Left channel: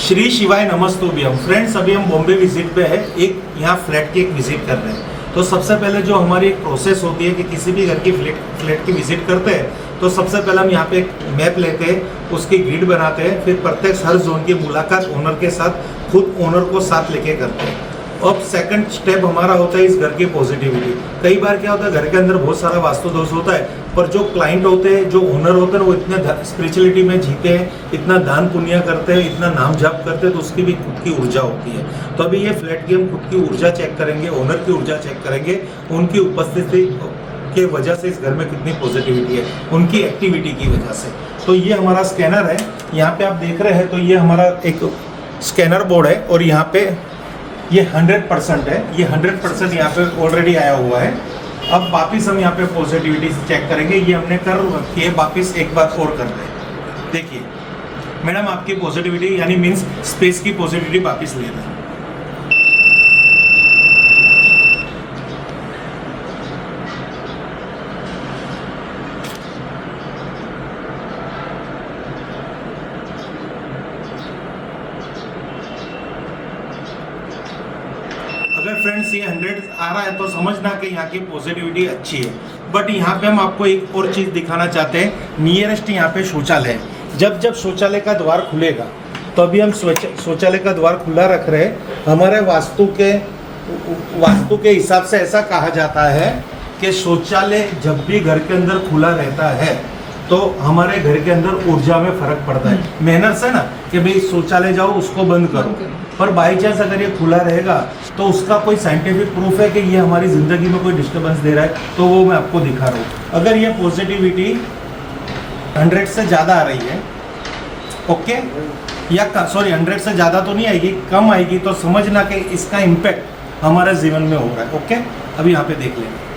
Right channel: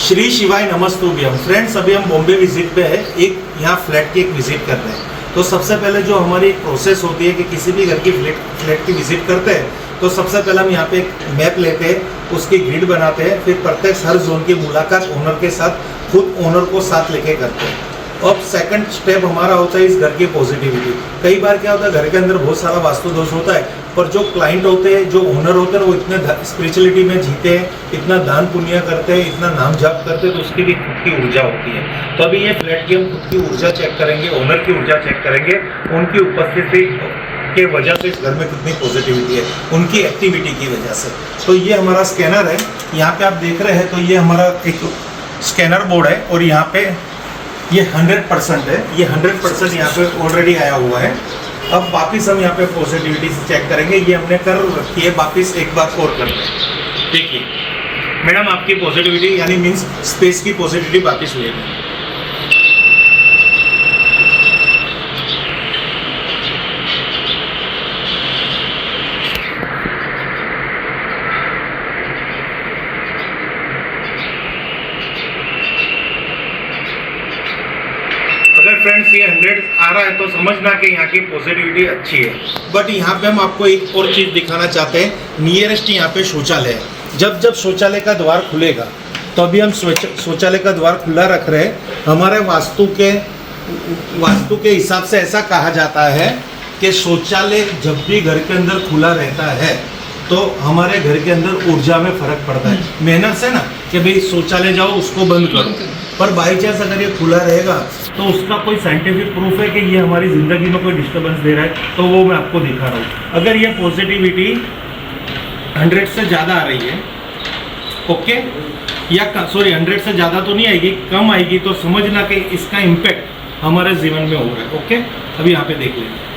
श्री शिवाय नमस्तुभ्यम। फ्रेंड्स, अभी हम बॉम्बे विजिट पे है, एक यहाँ फ्लैट की एक विजिट कर रहे हैं। तो सबसे पहले जो हमारी एक प्रोसेस होती है कि किसी भी घर की फ्लैट की विजिट करते हैं तो सबसे पहले हम यहाँ पे एक मैप लेते हैं, उसकी ग्रिड बनाते हैं, फिर प्रत्येक हर जोन की मुलाकात ओनर के साथ, खुद ओनर को साथ लेके करते हैं। अब सेकंड स्टेप हमारा होता है इस घर की पॉजिटिविटी। कई बार क्या होता है, घर के अंदर बहुत सारा वास्तु दोष होता है, पर जो क्लाइंट होते हैं, जो ओनर होते हैं, वो इतने स्पिरिचुअलिटी में जीते हैं, इतना दान पुण्य करते हैं, इतना नाम जाप करते हैं, तो उसकी भी खुद की ऊर्जा होती है। तो अभी ये फ्लैट की हम खुद की ऊर्जा चेक करेंगे, ओनर की ऊर्जा चेक करेंगे, उनकी उपस्थिति के वजह से इस घर में कितनी पॉजिटिविटी है, उनकी एक्टिविटी की वजह से। तो ये हमारा स्कैनर है, यहाँ पे आप देख रहे हैं। तो ये हमारा एक स्कैनर बोर्ड है और यहाँ पे ये 100% है, ये 100% यहाँ पे ऑलरेडी आया हुआ है। अब वापस हम यहाँ पे पॉजिटिविटी से चेक करेंगे, ये हमने कर रखी है, वापस एक बार और करते हैं। देखिए मैडम, आपकी पॉजिटिविटी यानी मीन्स स्पेस की पॉजिटिविटी वापस ले गई। अगर फ्रेंड्स ये 100 आ रहा है तो समझना कि यहाँ की पॉजिटिविटी अच्छी है। बट यहाँ पे हम आपको एक और चीज़ दिखाना चाहते हैं, नियरेस्ट यहाँ पे शौचालय है। जब शौचालय का द्वार खुलेगा, तो अभी हम शौचालय का द्वार खुला रख रहे हैं। हमारे वास्तु के हिसाब से ऐसा कहा जाता है कि शौचालय जब भी घर के अंदर खुला रहता है तो हमारे घर के अंदर ऊर्जा में फर्क पड़ता है। मेहनत से ना कि भाई शौचालय जाओ, उसको बंद करो, पर बाई चांस अगर ये खुला रहेगा तो उसका कोई साइंटिफिक प्रूफ है कि ये हमारी ज़िंदगी में कोई डिस्टर्बेंस दे रहा है, तो वो मैं आपको दिखा रहा हूँ। अगर ये पॉजिटिविटी 100 से ज़्यादा आ रही है, ओके, या सॉरी 100 से ज़्यादा तो नहीं आएगी, कम आएगी, तो समझना कि इसका इम्पैक्ट हमारे जीवन में हो रहा है। ओके, अभी यहाँ पे देख लेंगे।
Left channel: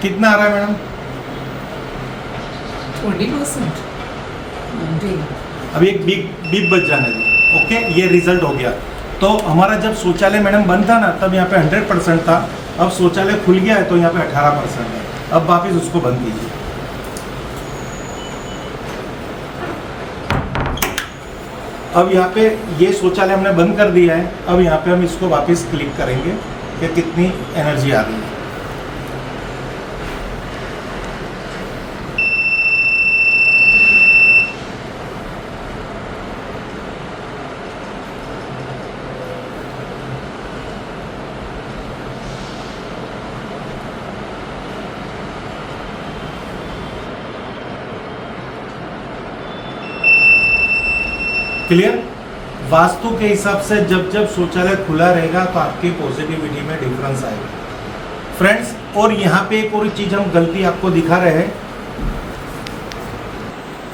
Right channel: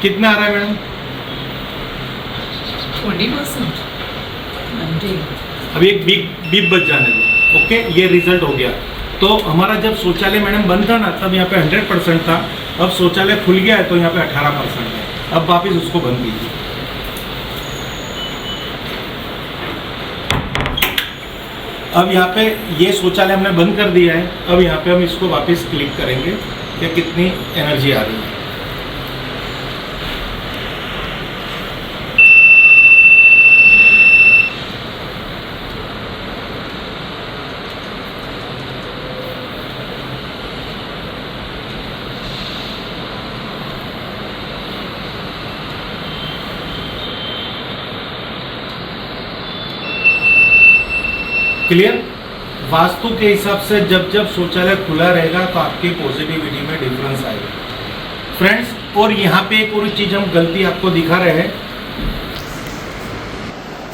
कितना आ रहा है मैडम? 20%। अभी एक बीप बच जाने दो। ओके, ये रिजल्ट हो गया। तो हमारा जब शौचालय मैडम बंद था ना, तब यहाँ पे 100% था। अब शौचालय खुल गया है तो यहाँ पे 18% है। अब वापिस उसको बंद कीजिए। अब यहाँ पे ये शौचालय हमने बंद कर दिया है। अब यहाँ पे हम इसको वापस क्लिक करेंगे कि कितनी एनर्जी आ रही है। क्लियर? वास्तु के हिसाब से जब शौचालय खुला रहेगा तो आपकी पॉजिटिविटी में डिफरेंस आएगा फ्रेंड्स। और यहाँ पे एक और चीज़ हम गलती आपको दिखा रहे हैं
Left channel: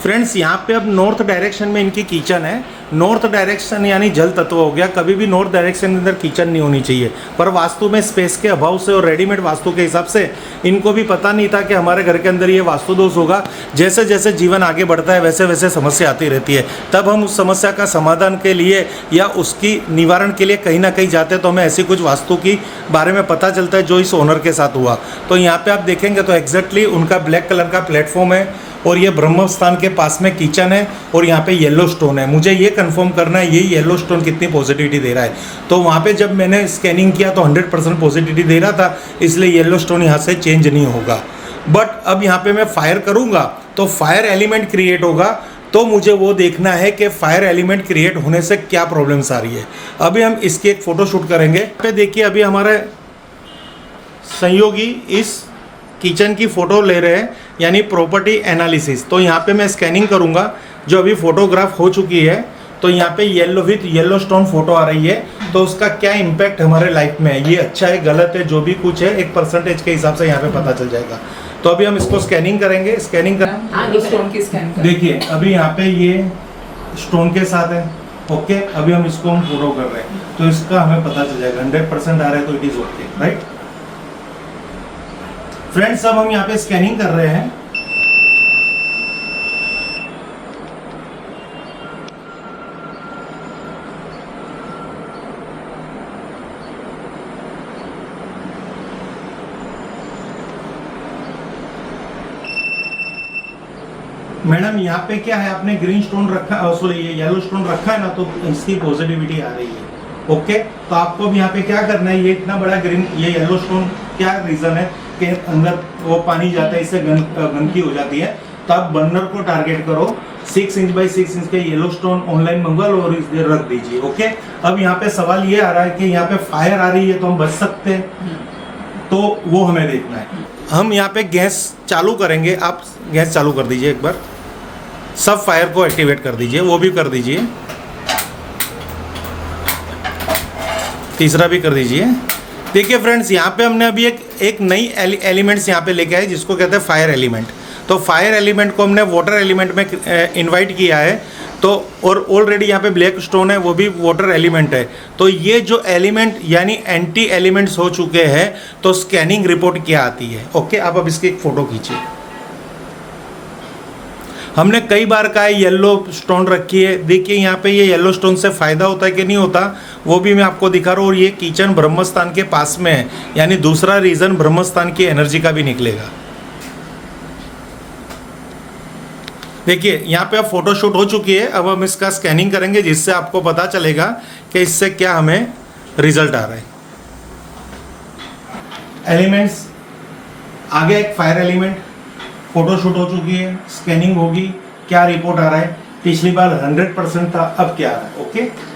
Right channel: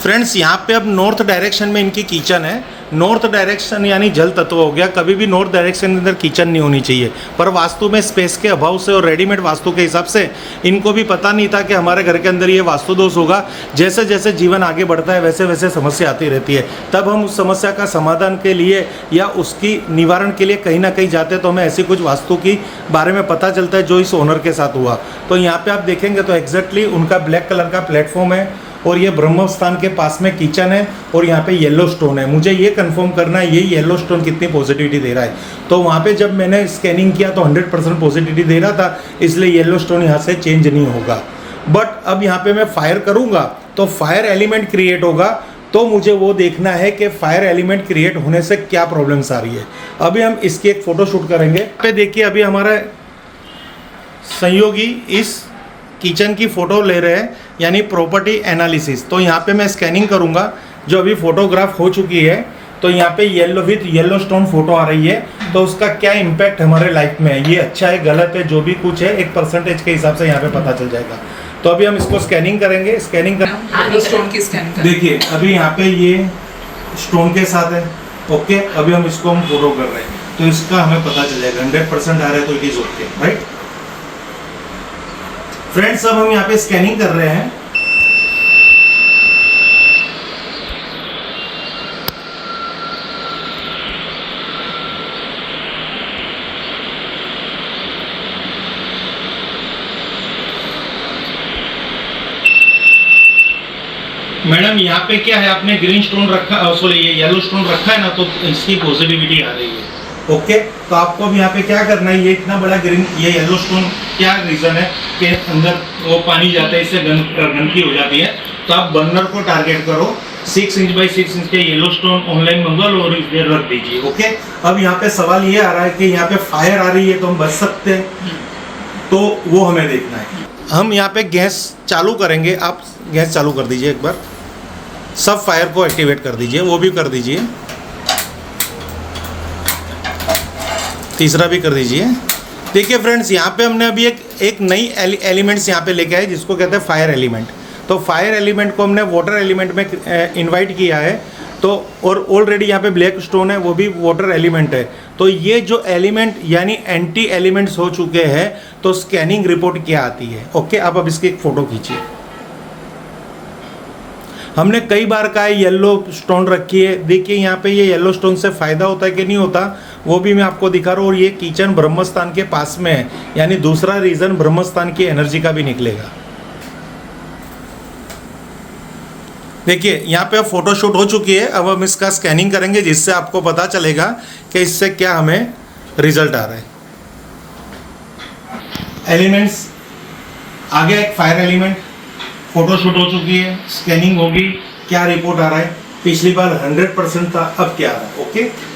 फ्रेंड्स। यहाँ पे अब नॉर्थ डायरेक्शन में इनकी किचन है। नॉर्थ डायरेक्शन यानी जल तत्व हो गया। कभी भी नॉर्थ डायरेक्शन के अंदर किचन नहीं होनी चाहिए, पर वास्तु में स्पेस के अभाव से और रेडीमेड वास्तु के हिसाब से इनको भी पता नहीं था कि हमारे घर के अंदर ये वास्तु दोष होगा। जैसे जैसे जीवन आगे बढ़ता है वैसे वैसे समस्या आती रहती है। तब हम उस समस्या का समाधान के लिए या उसकी निवारण के लिए कहीं ना कहीं जाते हैं, तो हमें ऐसी कुछ वास्तु की बारे में पता चलता है जो इस ओनर के साथ हुआ। तो यहाँ पर आप देखेंगे तो एग्जैक्टली उनका ब्लैक कलर का प्लेटफॉर्म है और ये ब्रह्म स्थान के पास में किचन है और यहाँ पे येलो स्टोन है। मुझे ये कंफर्म करना है ये येलो स्टोन कितनी पॉजिटिविटी दे रहा है। तो वहाँ पे जब मैंने स्कैनिंग किया तो 100% पॉजिटिविटी दे रहा था, इसलिए येलो स्टोन यहाँ से चेंज नहीं होगा। बट अब यहाँ पे मैं फायर करूँगा तो फायर एलिमेंट क्रिएट होगा। तो मुझे वो देखना है कि फायर एलिमेंट क्रिएट होने से क्या प्रॉब्लम्स आ रही है। अभी हम इसकी एक फ़ोटो शूट करेंगे। पे देखिए, अभी हमारे सहयोगी इस किचन की फ़ोटो ले रहे हैं, यानी प्रॉपर्टी एनालिसिस। तो यहाँ पे मैं स्कैनिंग करूँगा, जो अभी फोटोग्राफ हो चुकी है। तो यहाँ पे yellow with yellow stone photo आ रही है, तो उसका क्या इम्पैक्ट हमारे लाइफ में है, ये अच्छा है गलत है, जो भी कुछ है एक परसेंटेज के हिसाब से यहाँ पे पता चल जाएगा। तो अभी हम इसको स्कैनिंग करेंगे। स्कैनिंग कर स्टोन की स्कैनिंग देखिए, अभी यहाँ पे ये स्टोन के साथ है। ओके, अभी हम इसको हम फोटो कर रहे हैं तो इसका हमें पता चल जाएगा। 100% आ रहा है तो it is okay, right friends. अब हम यहाँ पे स्कैनिंग कर रहे हैं। मैडम यहाँ पे क्या है, आपने ग्रीन स्टोन रखा, सॉरी ये येलो स्टोन रखा है ना, तो इसकी पॉजिटिविटी आ रही है। ओके, तो आपको अब यहाँ पे क्या करना है, ये इतना बड़ा ग्रीन, ये येलो स्टोन क्या रीजन है कि अंदर वो पानी जाता है, इससे गंदगी हो जाती है। तो आप बर्नर को टारगेट करो, 6 इंच बाई 6 इंच के येलो स्टोन ऑनलाइन मंगवा लो और इसमें रख दीजिए। ओके, अब यहाँ पे सवाल ये आ रहा है कि यहाँ पे फायर आ रही है तो हम बच सकते हैं, तो वो हमें देखना है। हम यहाँ पे गैस चालू करेंगे, आप गैस चालू कर दीजिए एक बार, सब फायर को एक्टिवेट कर दीजिए, वो भी कर दीजिए, तीसरा भी कर दीजिए। देखिए फ्रेंड्स, यहाँ पे हमने अभी एक नई एलिमेंट्स यहाँ पे लेके आए जिसको कहते हैं फायर एलिमेंट। तो फायर एलिमेंट को हमने वाटर एलिमेंट में इनवाइट किया है, तो और ऑलरेडी यहाँ पे ब्लैक स्टोन है, वो भी वाटर एलिमेंट है। तो ये जो एलिमेंट यानी एंटी एलिमेंट्स हो चुके हैं, तो स्कैनिंग रिपोर्ट क्या आती है। ओके, आप अब इसकी एक फ़ोटो खींचिए। हमने कई बार कहा है येलो स्टोन रखी है, देखिए यहाँ पे ये येलो स्टोन से फ़ायदा होता है कि नहीं होता, वो भी मैं आपको दिखा रहा हूँ। और ये किचन ब्रह्मस्थान के पास में है, यानी दूसरा रीज़न ब्रह्मस्थान की एनर्जी का भी निकलेगा। देखिए यहाँ पे अब फोटोशूट हो चुकी है, अब हम इसका स्कैनिंग करेंगे जिससे आपको पता चलेगा कि इससे क्या हमें रिजल्ट आ रहा है। एलिमेंट्स आ गया, एक फायर एलिमेंट, फोटोशूट हो चुकी है, स्कैनिंग होगी, क्या रिपोर्ट आ रहा है। पिछली बार 100% था, अब क्या आ रहा है। Okay,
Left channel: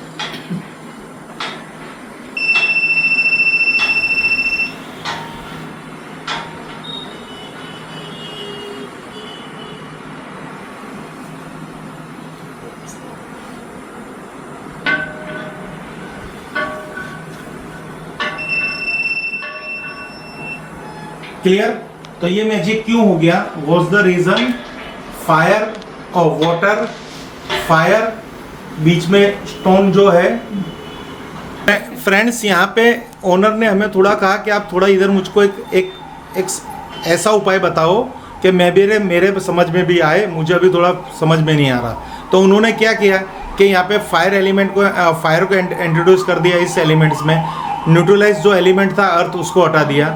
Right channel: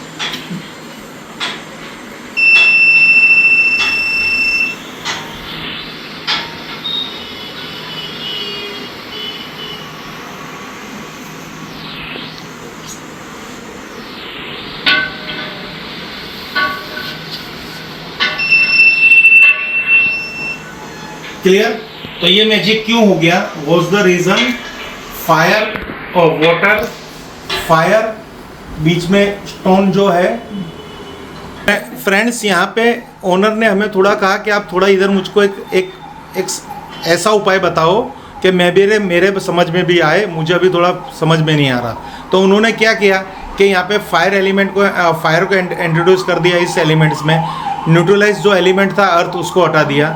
clear. तो ये मैजिक क्यों हो गया, वॉज द रीजन फायर और वाटर, फायर बीच में स्टोन जो है। फ्रेंड्स यहाँ पे ओनर ने हमें थोड़ा कहा कि आप थोड़ा इधर मुझको एक ऐसा उपाय बताओ कि मेरे समझ में भी आए, मुझे अभी थोड़ा समझ में नहीं आ रहा। तो उन्होंने क्या किया कि यहाँ पे फायर एलिमेंट को फायर को इंट्रोड्यूस कर दिया इस एलिमेंट्स में। न्यूट्रलाइज जो एलिमेंट था अर्थ, उसको हटा दिया।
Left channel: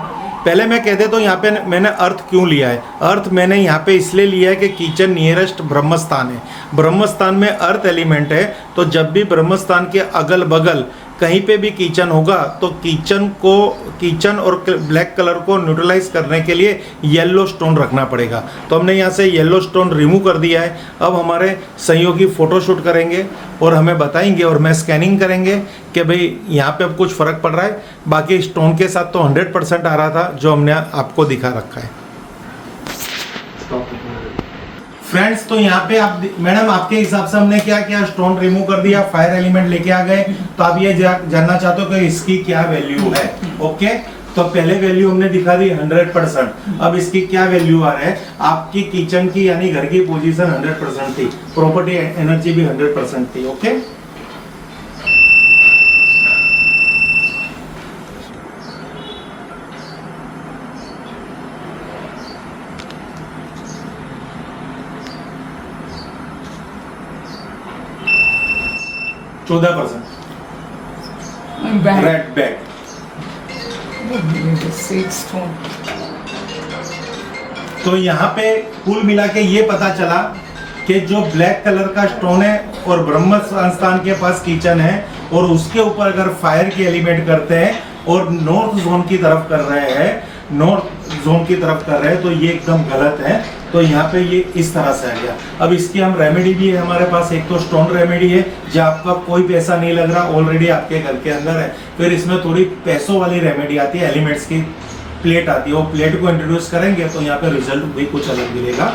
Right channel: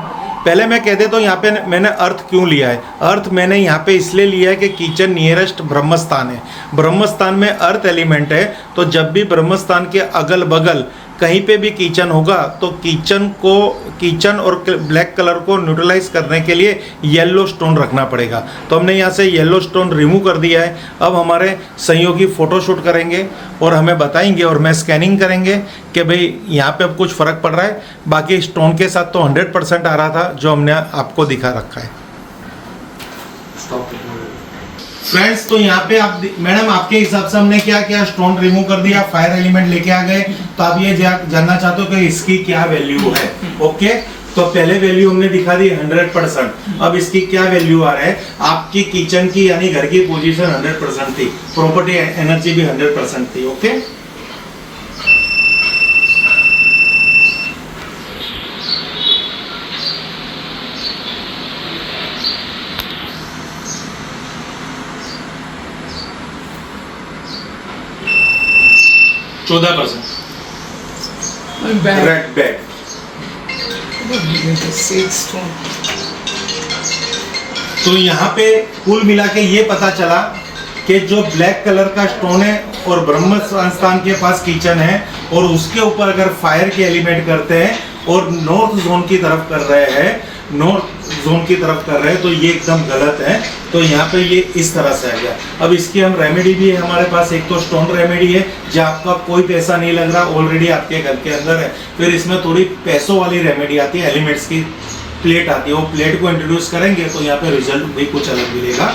पहले मैं कह देता हूँ यहाँ पे मैंने अर्थ क्यों लिया है। अर्थ मैंने यहाँ पे इसलिए लिया है कि किचन नियरेस्ट ब्रह्मस्थान है, ब्रह्मस्थान में अर्थ एलिमेंट है। तो जब भी ब्रह्मस्थान के अगल बगल कहीं पे भी किचन होगा, तो किचन और ब्लैक कलर को न्यूट्रलाइज करने के लिए येलो स्टोन रखना पड़ेगा। तो हमने यहाँ से येलो स्टोन रिमूव कर दिया है। अब हमारे सहयोगी फ़ोटोशूट करेंगे और हमें बताएंगे और मैं स्कैनिंग करेंगे कि भाई यहाँ पे अब कुछ फ़र्क पड़ रहा है। बाकी स्टोन के साथ तो 100% आ रहा था जो हमने आपको दिखा रखा है। फ्रेंड्स, तो यहाँ पे आप मैडम आपके हिसाब से हमने क्या किया, स्टोन रिमूव कर दिया, फायर एलिमेंट लेके आ गए। तो आप ये जानना चाहते हो कि इसकी क्या वैल्यू है। ओके, तो पहले वैल्यू हमने दिखा दी 100%। अब इसकी क्या वैल्यू आ रहा है, आपकी किचन की यानी घर की पोजीशन 100% थी, प्रॉपर्टी एनर्जी भी 100% थी। Okay, red bag. तो यहाँ पे कुल मिला के ये पता चला कि जो ब्लैक कलर का स्टोन है और ब्रह्म संस्थान के पास किचन है और उसके ऊपर अगर फायर के एलिमेंट करते हैं और नॉर्थ जोन की तरफ कर रहे हैं, तो ये एकदम गलत है। तो यहाँ पे ये इस तरह से आ गया। अब इसकी हम रेमेडी भी है हमारे पास, एक तो स्टोन रेमेडी है जो आपका कोई पैसा नहीं लग रहा, ऑलरेडी आपके घर के अंदर है। फिर इसमें थोड़ी पैसों वाली रेमेडी आती है, एलिमेंट्स की प्लेट आती है, वो प्लेट को इंट्रोड्यूस करेंगे तो यहाँ पे रिजल्ट भी कुछ अलग मिलेगा।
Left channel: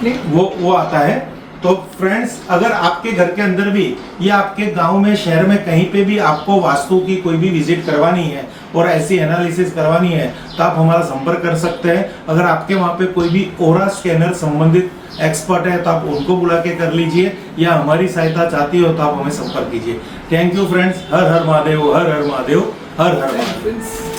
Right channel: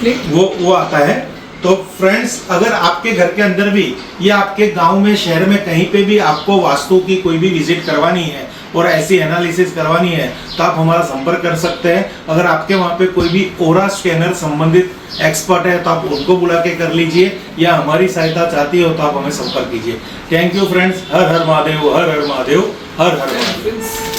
प्लेट वो आता है। तो फ्रेंड्स, अगर आपके घर के अंदर भी या आपके गांव में, शहर में कहीं पे भी आपको वास्तु की कोई भी विजिट करवानी है और ऐसी एनालिसिस करवानी है, तो आप हमारा संपर्क कर सकते हैं। अगर आपके वहाँ पे कोई भी ओरा स्कैनर संबंधित एक्सपर्ट है तो आप उनको बुला के कर लीजिए, या हमारी सहायता चाहती हो तो आप हमें संपर्क कीजिए। Thank you friends. Her her Mahadev, her her Mahadev, her her Mahadev.